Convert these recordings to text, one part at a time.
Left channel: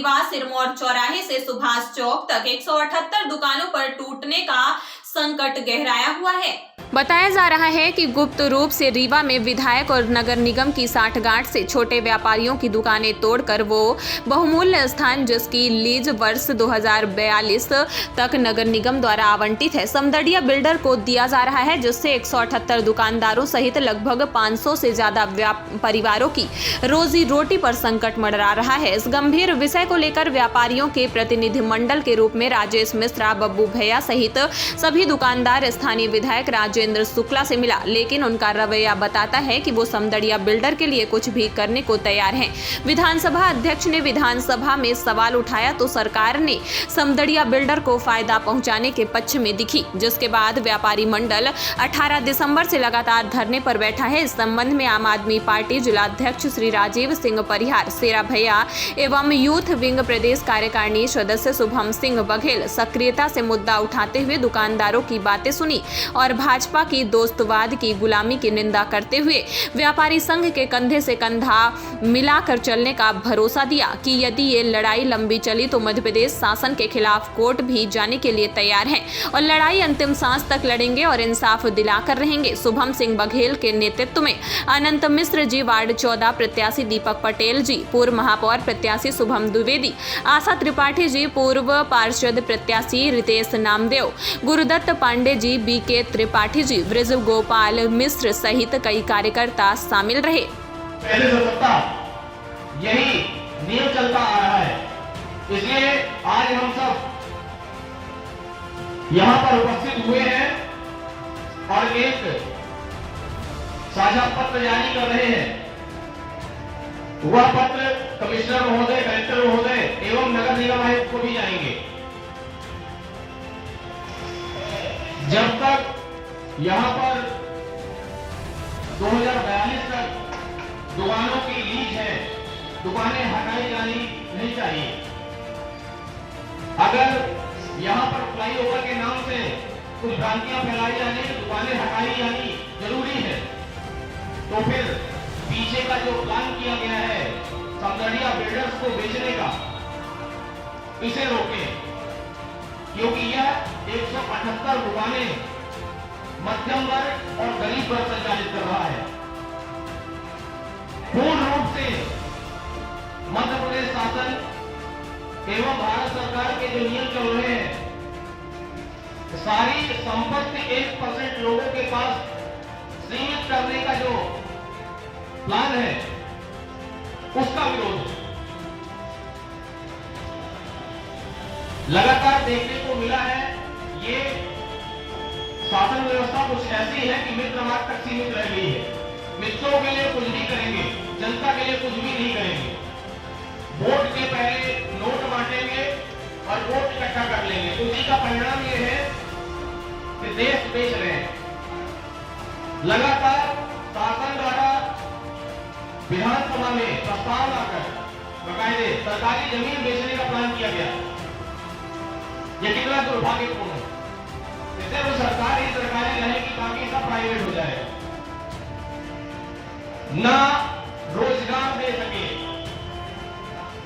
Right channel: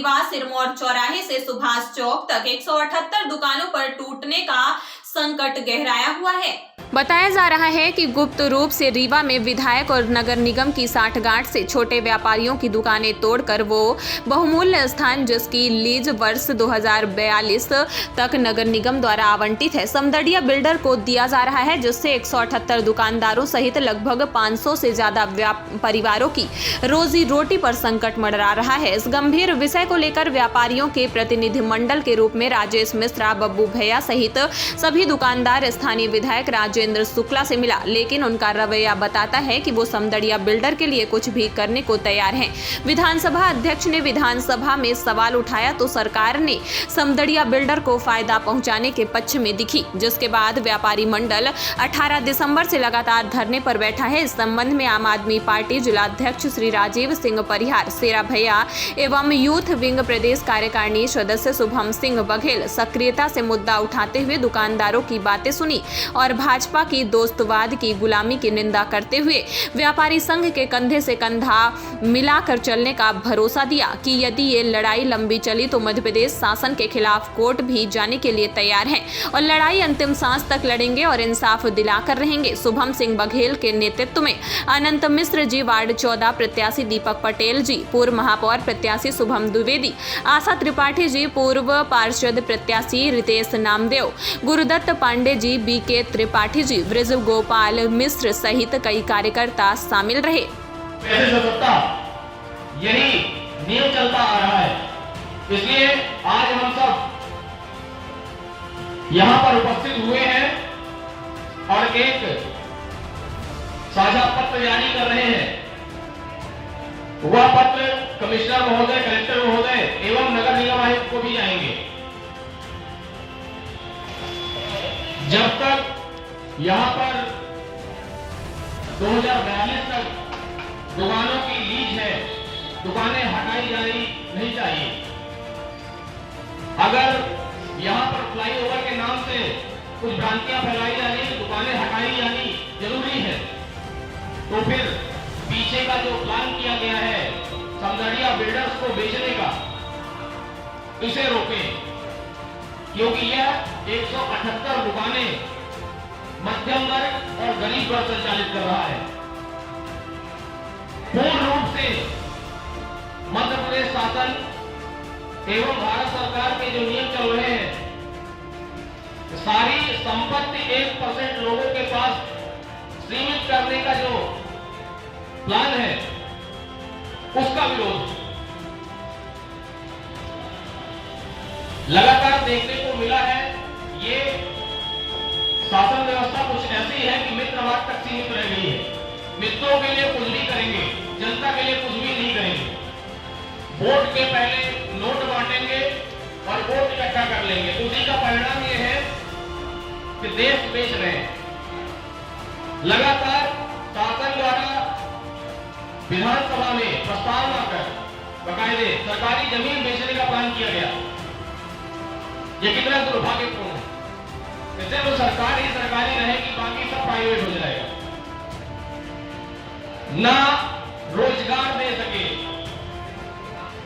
रीवा सिरमौर चौराहे से सुभाष चौक तक 178 दुकानों पर टूटने का संकट गहराया हुआ है। बताया जा रहा है कि गुप्त रूप से रीवा में विधायक और नगर निगम की साठगांठ से छोटे व्यापारियों की दुकानें तोड़कर वो बहुमूल्य स्थान जिसकी लीज वर्ष 2042 तक नगर निगम द्वारा आवंटित है समदड़िया बिल्डर को दिया जा रहा है, जिससे 178 दुकानदारों सहित लगभग 500 से ज्यादा परिवारों की रोजी रोटी पर संकट मंडरा रहा है। इस गंभीर विषय को लेकर व्यापारियों के प्रतिनिधि मंडल के रूप में राजेश मिश्रा, बब्बू भैया सहित सभी दुकानदार स्थानीय विधायक राजेंद्र शुक्ला से मिला, लेकिन उनका रवैया बताता है कि वो समदड़िया बिल्डर के लिए कुछ भी करने को तैयार हैं। विधानसभा अध्यक्ष ने विधानसभा में सवाल उठाया तो सरकार ने समदड़िया बिल्डर को फायदा पहुंचाने के पक्ष में दिखी, जिसके बाद व्यापारी मंडल 18 दिसंबर से लगातार धरने पर बैठा है। इस संबंध में आम आदमी पार्टी जिलाध्यक्ष श्री राजीव सिंह परिहार, शेरा भैया एवं यूथ विंग प्रदेश कार्यकारिणी सदस्य शुभम सिंह बघेल सक्रियता से मुद्दा उठाते हुए दुकानदारों की बातें सुनी और भाजपा की दोस्तवाद की गुलामी की निंदा करते हुए व्यापारी संघ के कंधे से कंधा मिलाकर चलने का भरोसा दिया कि यदि ये लड़ाई लंबी चली तो मध्य प्रदेश शासन के खिलाफ कोर्ट भी जाने के लिए तैयार हैं और लड़ाई अंतिम सांस तक लड़ेंगे और इंसाफ दिलाकर रहेंगे। शुभम सिंह बघेल के नेतृत्व में अनंत मिश्र जी, वार्ड 14 प्रत्याशी दीपक पटेल जी, पूर्व महापौर प्रत्याशी शुभम द्विवेदी, आशा त्रिपाठी जी, पूर्व पार्षद प्रत्याशी रितेश नामदेव, गुरुदत्त पांडे जी, बीके त्रिपाठी जी, ब्रज गोपाल मिश्र सहित कई कार्यकर्ता शामिल रहे। यही नियम चलता आ रहा है, इसलिए आज हम सब यहाँ पर उपस्थित हुए हैं और एक साझा पत्र जारी कर रहे हैं। वह पत्र कमिश्नर महोदय, कलेक्टर महोदय एवं नगर निगम आयुक्त को भी जाएंगे। जब तक यहाँ पर 2042 तक दुकानों की लीज है, दुकानें हटाई जानी नहीं चाहिए। अगर यहाँ पर फ्लाईओवर के नाम से कुछ भ्रांतियां फैलाई जानी, दुकानें हटाई जानी जरूरी है, तो फिर पीछे का जो प्लान किया गया है समदड़िया बिल्डर्स को बेचने का, इसे रोकें, क्योंकि यह 178 दुकानें मध्यम वर्ग और गरीब वर्ग संचालित कर रहा है। पूर्ण रूप से मध्य प्रदेश शासन एवं भारत सरकार के जो नियम चल रहे हैं, सारी संपत्ति 1% लोगों के पास सीमित करने का जो प्लान है, उसका विरोध लगातार देखने को मिला है। ये शासन व्यवस्था कुछ ऐसी है कि मित्रवाद तक सीमित रह गई है। मित्रों के लिए कुछ भी करेंगे, जनता के लिए कुछ भी नहीं करेंगे। वोट के पहले नोट बांटेंगे और वोट इकट्ठा कर लेंगे। उसी का परिणाम ये है कि देश बेच रहे हैं। लगातार शासन द्वारा विधानसभा में प्रस्ताव लाकर बकायदे सरकारी जमीन बेचने का प्लान किया गया। ये कितना दुर्भाग्यपूर्ण है। इससे तो सरकार ही सरकारी रहेगी, बाकी सब प्राइवेट हो जाएगा। ना रोजगार दे सके,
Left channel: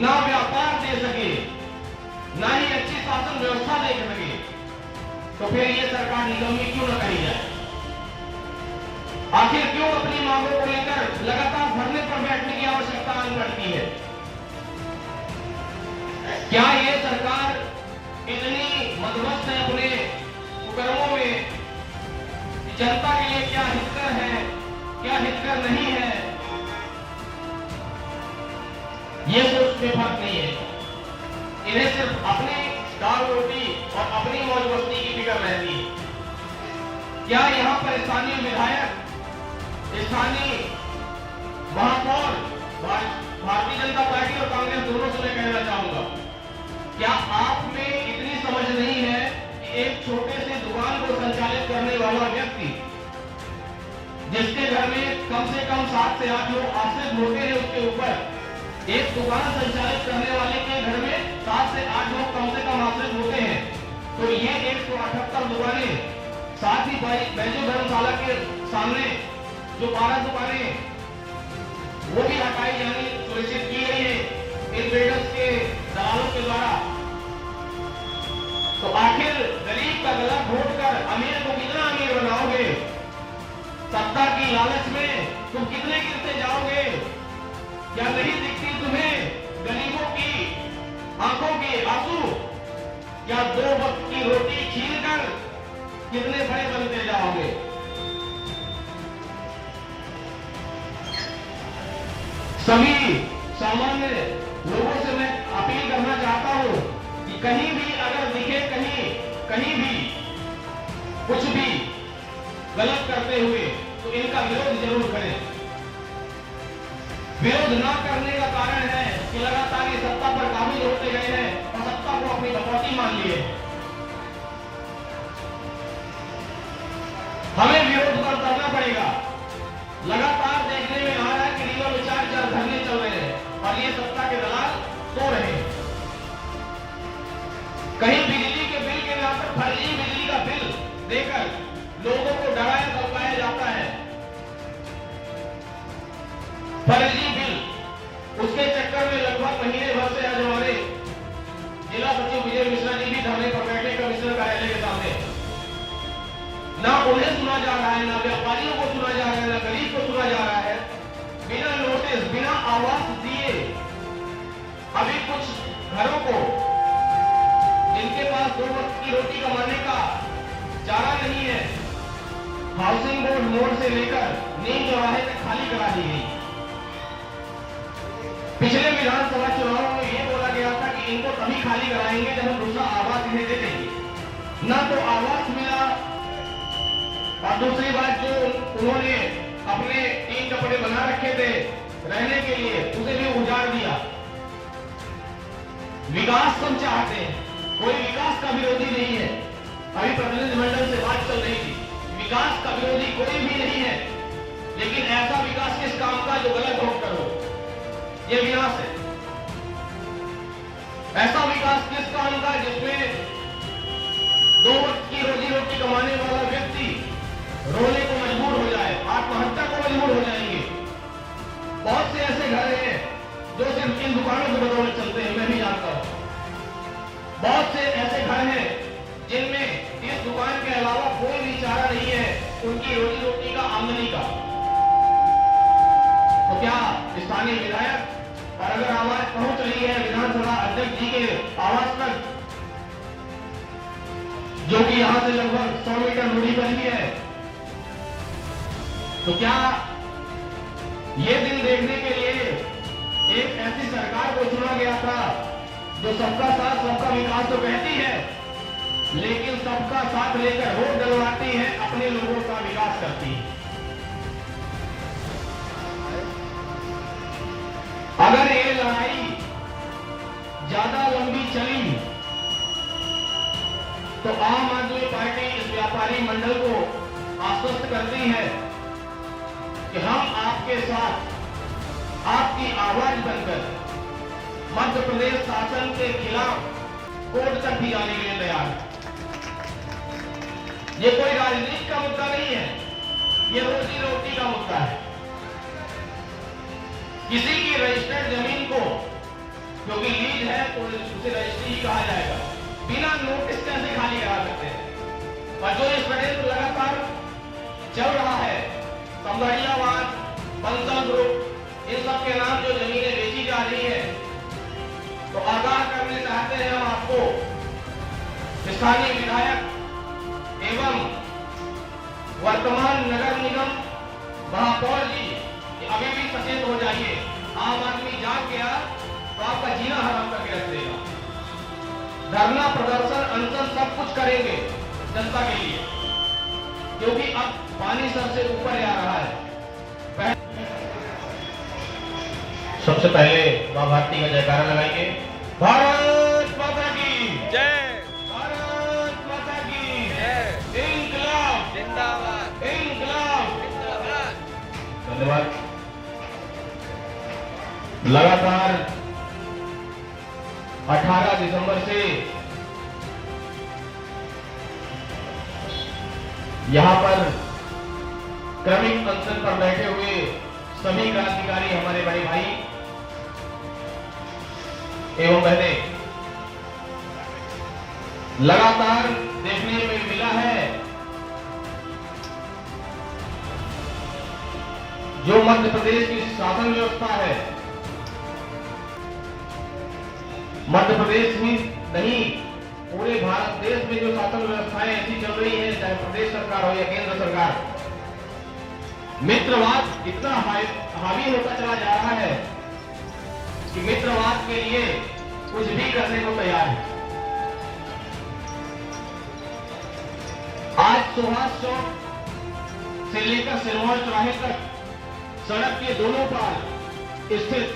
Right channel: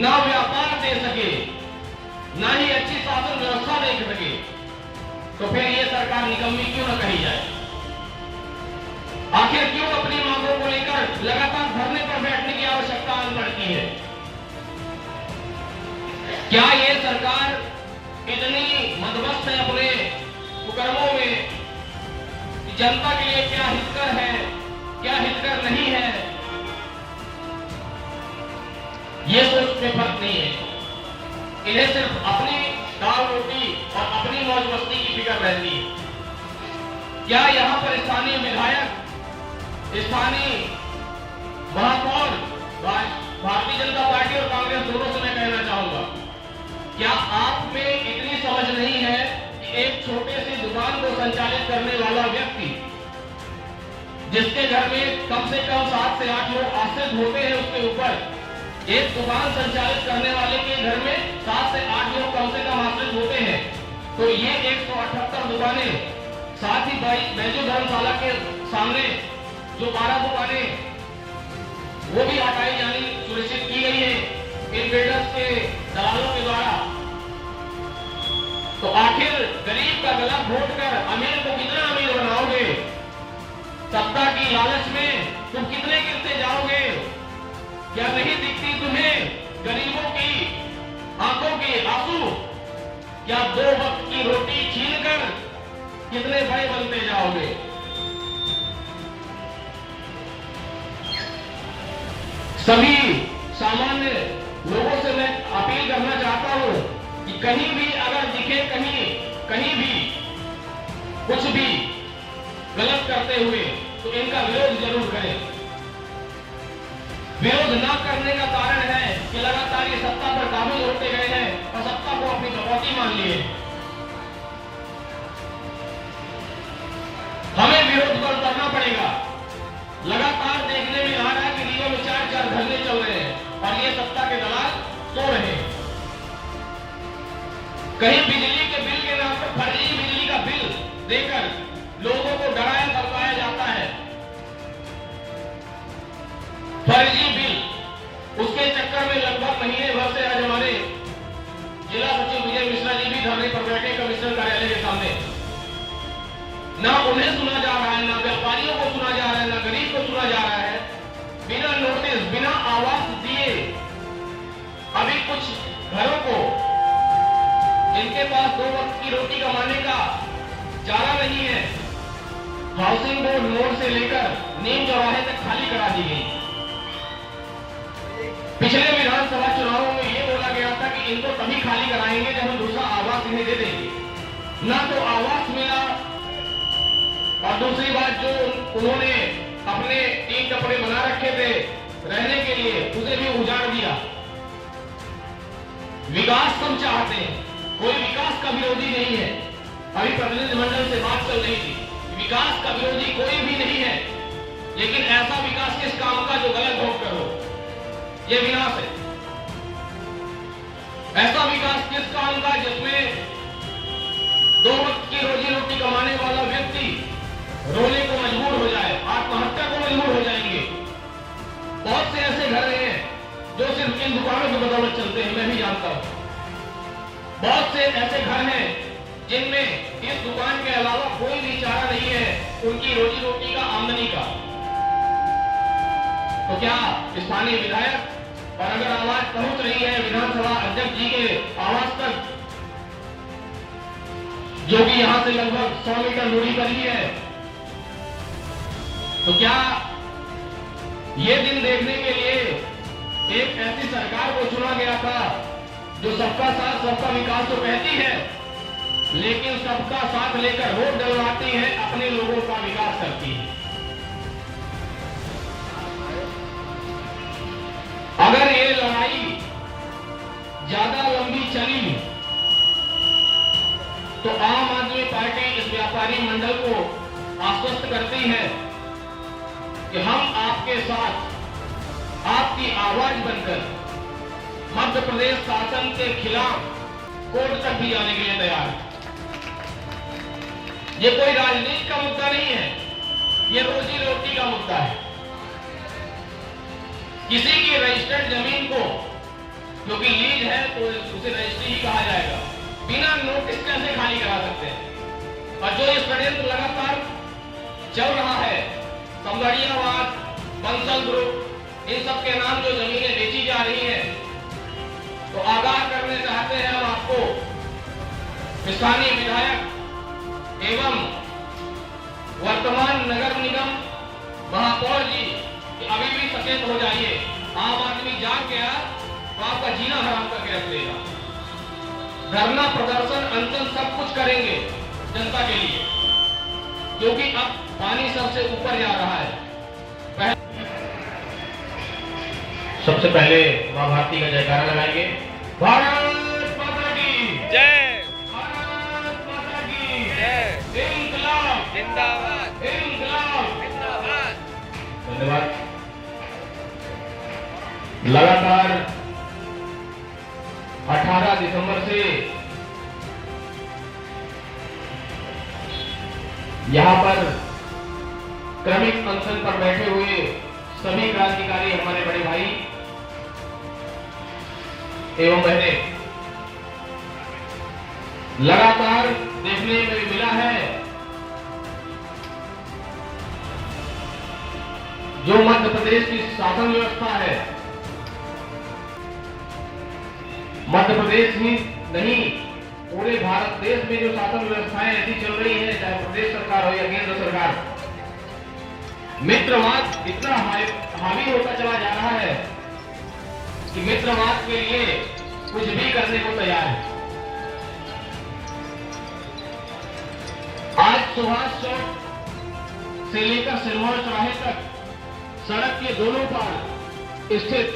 ना व्यापार दे सके, ना ही अच्छी शासन व्यवस्था दे सके, तो फिर ये सरकार निकम्मी क्यों न कही जाए? आखिर क्यों अपनी मांगों को लेकर लगातार धरने पर बैठने की आवश्यकता पड़ती है? क्या ये सरकार इतनी मदमस्त है अपने कुकर्मों में कि जनता के लिए क्या हितकर है, क्या हितकर नहीं है, ये सोच में फर्क नहीं है। इन्हें सिर्फ अपनी दाल रोटी और अपनी मौज मस्ती की फिक्र रहती है। क्या यहाँ पर स्थानीय विधायक, स्थानीय महापौर, भारतीय जनता पार्टी और कांग्रेस दोनों से मैं कहना चाहूंगा, क्या आप में इतनी समझ नहीं है कि एक छोटे से दुकान को संचालित करने वाला व्यक्ति, जिसके घर में कम से कम 7 से 8 लोग आश्रित होते हैं, उसके ऊपर एक दुकान संचालित करने वाले के घर में 7 से 8 लोग कम से कम आश्रित होते हैं, तो ये 178 दुकानें, साथ ही बैजू धर्मशाला के सामने जो 12 दुकानें वो भी हटाई जानी सुनिश्चित की गई है। इन बिल्डर्स के दलालों के द्वारा। तो आखिर गरीब का गलत वोट कर अमीर को कितना अमीर बनाओगे? सत्ता की लालच में तुम कितने गिरते जाओगे? क्या नहीं दिखती तुम्हें गरीबों की आंखों के आंसू? क्या 2 वक्त की रोटी छीनकर कितने बड़े बनते जाओगे? सभी सामान्य लोगों से मैं अपील करना चाहता हूं कि कहीं भी अगर दिखे कहीं भी कुछ भी गलत करते हुए तो इनका विरोध जरूर करें। विरोध न करने का कारण है कि लगातार ये सत्ता पर काबू होते गए हैं और सत्ता को अपनी कटौती मान लिए। हमें विरोध पर करना पड़ेगा। लगातार देखने में आ रहा है कि रीवा में 4 धरने चल रहे हैं और ये सत्ता के दलाल सो रहे हैं। कहीं बिजली के बिल के नाम पर फर्जी बिजली का बिल देकर लोगों को डराया धमकाया जाता है। फर्जी बिल, उसके चक्कर में लगभग महीने भर से आज हमारे जिला सचिव विजय मिश्रा जी भी धरने पर बैठे कमिश्नर कार्यालय के सामने। ना उन्हें सुना जा रहा है, ना व्यापारियों को सुना जा रहा है, ना गरीब को सुना जा रहा है। बिना नोटिस, बिना आवाज दिए अभी कुछ घरों को जिनके पास 2 वक्त की रोटी कमाने का चारा नहीं है, हाउसिंग बोर्ड मोड़ से लेकर नीम चौराहे तक खाली करा दी गई। पिछले विधानसभा चुनावों में यह बोला गया था कि इनको तभी खाली कराएंगे जब हम दूसरा आवास इन्हें दे देंगे। ना तो आवास मिला और दूसरी बात जो उन्होंने अपने 3 कपड़े बना रखे थे रहने के लिए, उसे भी उजाड़ दिया। विकास हम चाहते हैं, कोई विकास का विरोधी नहीं है। अभी प्रतिनिधिमंडल से बात चल रही थी, विकास का विरोधी कोई भी नहीं है, लेकिन ऐसा विकास किस काम का जो गलत वोट करो, ये विनाश है। ऐसा विकास किस काम का जिसमें 2 वक्त की रोजी रोटी कमाने वाला व्यक्ति रोने को मजबूर हो जाए, आत्महत्या को मजबूर हो जाएंगे। बहुत से ऐसे घर हैं जो सिर्फ इन दुकानों की बदौलत चलते हैं, मैं भी जानता हूं। बहुत से ऐसे घर हैं जिनमें इस दुकान के अलावा कोई भी चारा नहीं है उनकी रोजी रोटी का, आमदनी का। तो क्या स्थानीय विधायक और अगर आवाज पहुंच रही है विधानसभा अध्यक्ष जी के आवास तक, जो कि यहां से लगभग 100 मीटर दूरी पर ही है, तो क्या ये दिन देखने के लिए एक ऐसी सरकार को चुना गया था जो सबका साथ सबका विकास तो कहती है, लेकिन सबका साथ लेकर वोट डलवाती है, अपने लोगों का विकास करती है। अगर ये लड़ाई ज्यादा लंबी चली तो आम आदमी पार्टी इस व्यापारी मंडल को आश्वस्त करती है कि हम आपके साथ, आपकी आवाज बनकर मध्य प्रदेश शासन के खिलाफ कोर्ट तक भी जाने के लिए तैयार है। ये कोई राजनीति का मुद्दा नहीं है, ये रोजी रोटी का मुद्दा है। किसी की रजिस्टर्ड जमीन को, क्योंकि लीज है तो उसे रजिस्ट्री ही कहा जाएगा, बिना नोटिस कैसे खाली करा सकते हैं? और जो ये षड्यंत्र लगातार चल रहा है, समगढ़ियावाद, बंसल ग्रुप, इन सब के नाम जो जमीनें बेची जा रही है, तो आगाह करने चाहते हैं हम आपको, स्थानीय विधायक एवं वर्तमान नगर निगम महापौर जी, अभी भी सचेत हो जाइए। आम आदमी जाग गया तो आपका जीना हराम करके रख देगा। धरना, प्रदर्शन, अनशन सब कुछ करेंगे जनता के लिए, क्योंकि अब पानी सबसे ऊपर जा रहा है। सबसे पहले मां भारती का जयकारा लगाएंगे। भारत माता की जय, भारत माता की जय, इंकलाब जिंदाबाद, इंकलाब जिंदाबाद। धन्यवाद। लगातार 18 दिसंबर से यहां पर क्रमिक अनशन पर बैठे हुए सभी क्रांतिकारी हमारे बड़े भाई एवं बहनें लगातार देखने को मिला है। जो मध्य प्रदेश की शासन व्यवस्था है, मध्य प्रदेश ही नहीं पूरे भारत देश में जो शासन व्यवस्थाएं ऐसी चल रही है, चाहे प्रदेश सरकार हो या केंद्र सरकार, मित्रवाद इतना हावी होता चला जा रहा है कि मित्रवाद के लिए कुछ भी करने को तैयार है। आज सुभाष चौक से लेकर सिरमौर चौराहे तक सड़क के दोनों पार स्थित